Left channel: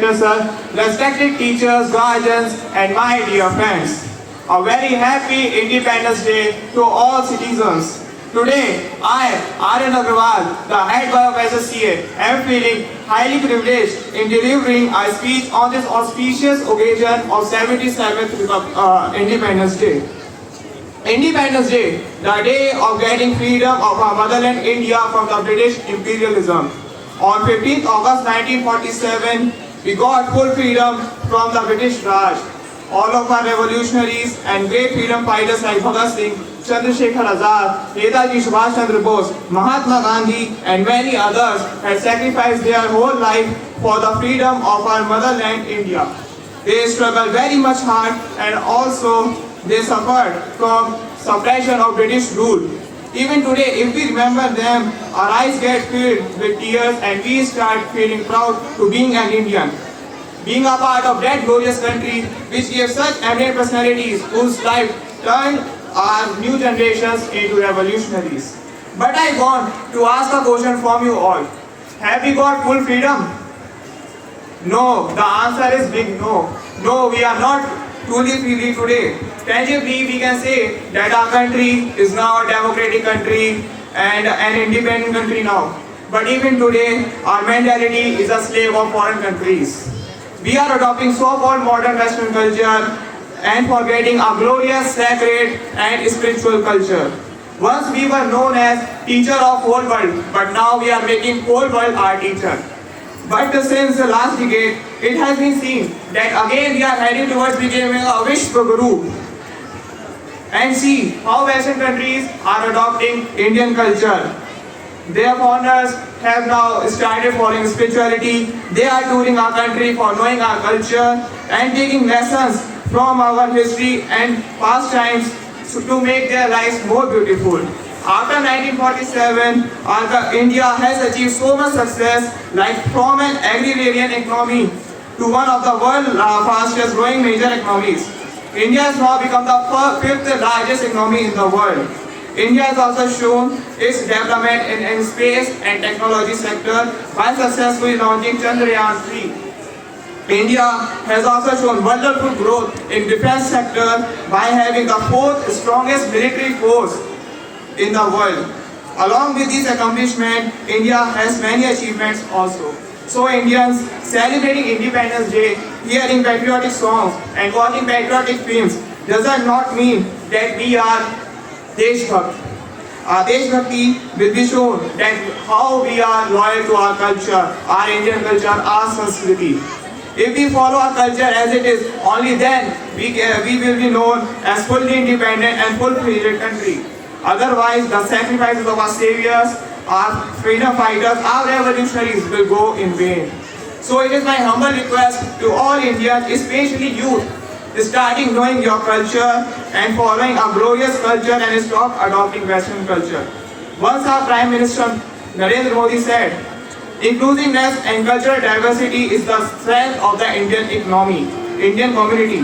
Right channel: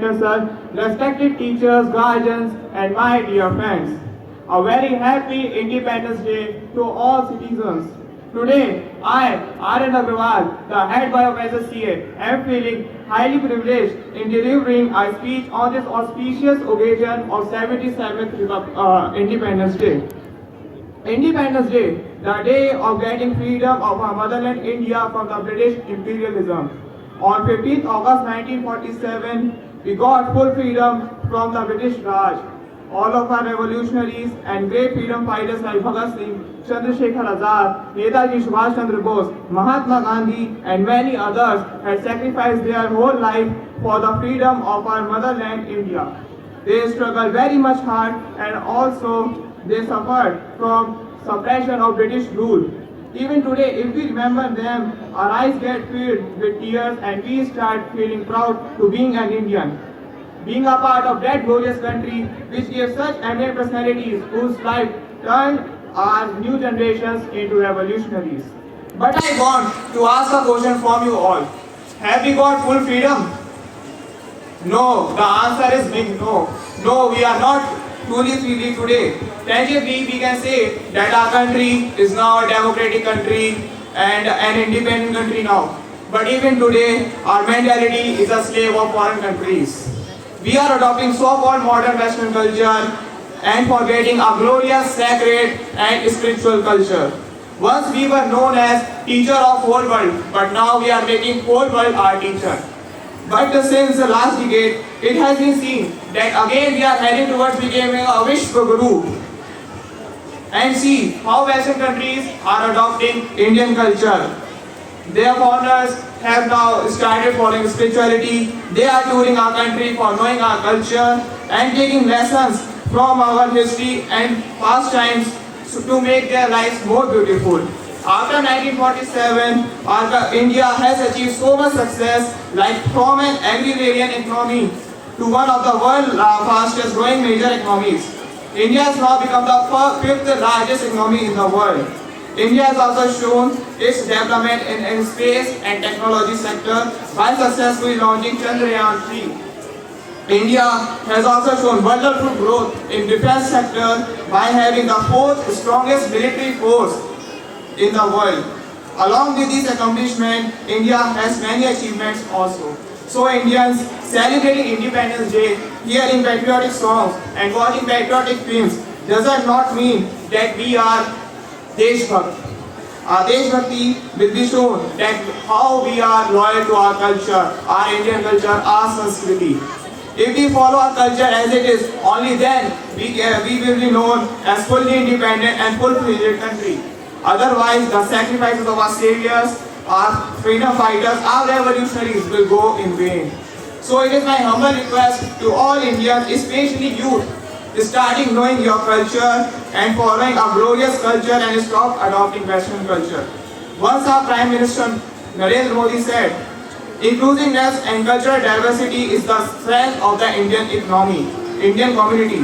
Director Sir, respected teachers, guardians, and my dear friends. A very happy Independence Day to all citizens. Today, I, Aryan Agrawal, the head boy of SSCA, am feeling highly privileged in delivering a speech on this auspicious occasion of 77th Independence Day. Independence Day, the day of getting freedom of our motherland India from the British imperialism. On 15th August 1947, we got full freedom from the British Raj. All of our revolutionaries and great freedom fighters like Bhagat Singh, Chandrasekhar Azad, Netaji Subhash Chandra Bose, Mahatma Gandhi, and many others had sacrificed their whole life for the freedom of our motherland India. They struggled very much hard and also they suffered from suppression of British rule. Even today, if we remember them, our eyes get filled with tears and we start feeling proud to being an Indian. Being a part of that glorious country which gave such eminent personalities whose life turned our new generations into revolutionaries. But I want to ask a question from you all. Have we got full freedom? No, the answer is big no. No, we are not truly free today. Tangibly, we can say that our country is now a democratic country and an independent country now. But even today, our mentality is a slave of foreign countries. We are adopting so-called modern Western culture and forgetting our glorious, sacred and spiritual culture. Once we were known as teacher of whole world, but now we are making whole world our teacher. But since the last decade, it has been seen that again we are heading towards becoming a Vishwa Guru. And see how Western countries are adopting Indian culture. Their founders have now started following spirituality. They are touring our country for knowing our culture and taking lessons from our history and past times to make their lives more beautiful. After 1947, India has achieved so much success, like from an agrarian economy to one of the world's fastest growing major economies. India has now become the fifth largest economy in the world. India has also shown its development in space and technology sector by successfully launching Chandrayaan-3. India has also shown wonderful growth in defense sector by having the fourth strongest military force in the world. Along with this accomplishment, India has many achievements also. So Indians celebrating Independence Day, hearing patriotic songs and watching patriotic films does not mean that we are Deshbhakt. Our Deshbhakti will be shown that how we are loyal to our culture, our Indian culture, our Sanskriti. If we follow our culture as it is, only then we will be known as fully independent and full-fledged country. Otherwise, the sacrifices of our saviors, our freedom fighters, our revolutionaries will go in vain. So it is my humble request to all Indians, especially youth, starting knowing your culture and following our glorious culture and stop adopting Western culture. Once our Prime Minister Narendra Modi said, inclusiveness and cultural diversity is the strength of the Indian economy, Indian community.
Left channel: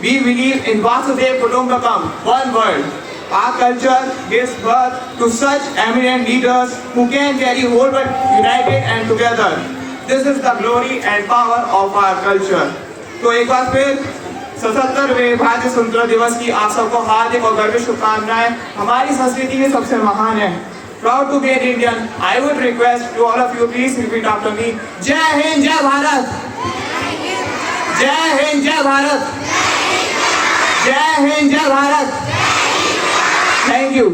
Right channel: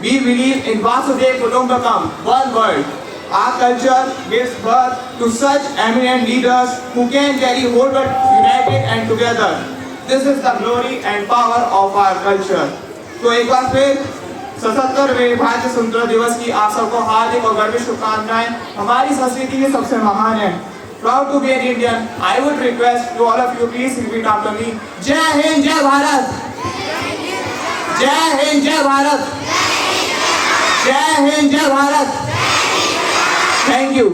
We believe in Vasudev Kutumbakam, one world. Our culture gives birth to such eminent leaders who can carry whole world united and together. This is the glory and power of our culture. तो एक बार फिर 77वें भारतीय स्वतंत्रता दिवस की आप सबको हार्दिक और गर्वित शुभकामनाएं। हमारी संस्कृति में सबसे महान है। Proud to be an Indian. I would request to all of you, please repeat after me. जय हिंद, जय भारत। जय हिंद, जय भारत। जय हिंद, जय भारत। Thank you.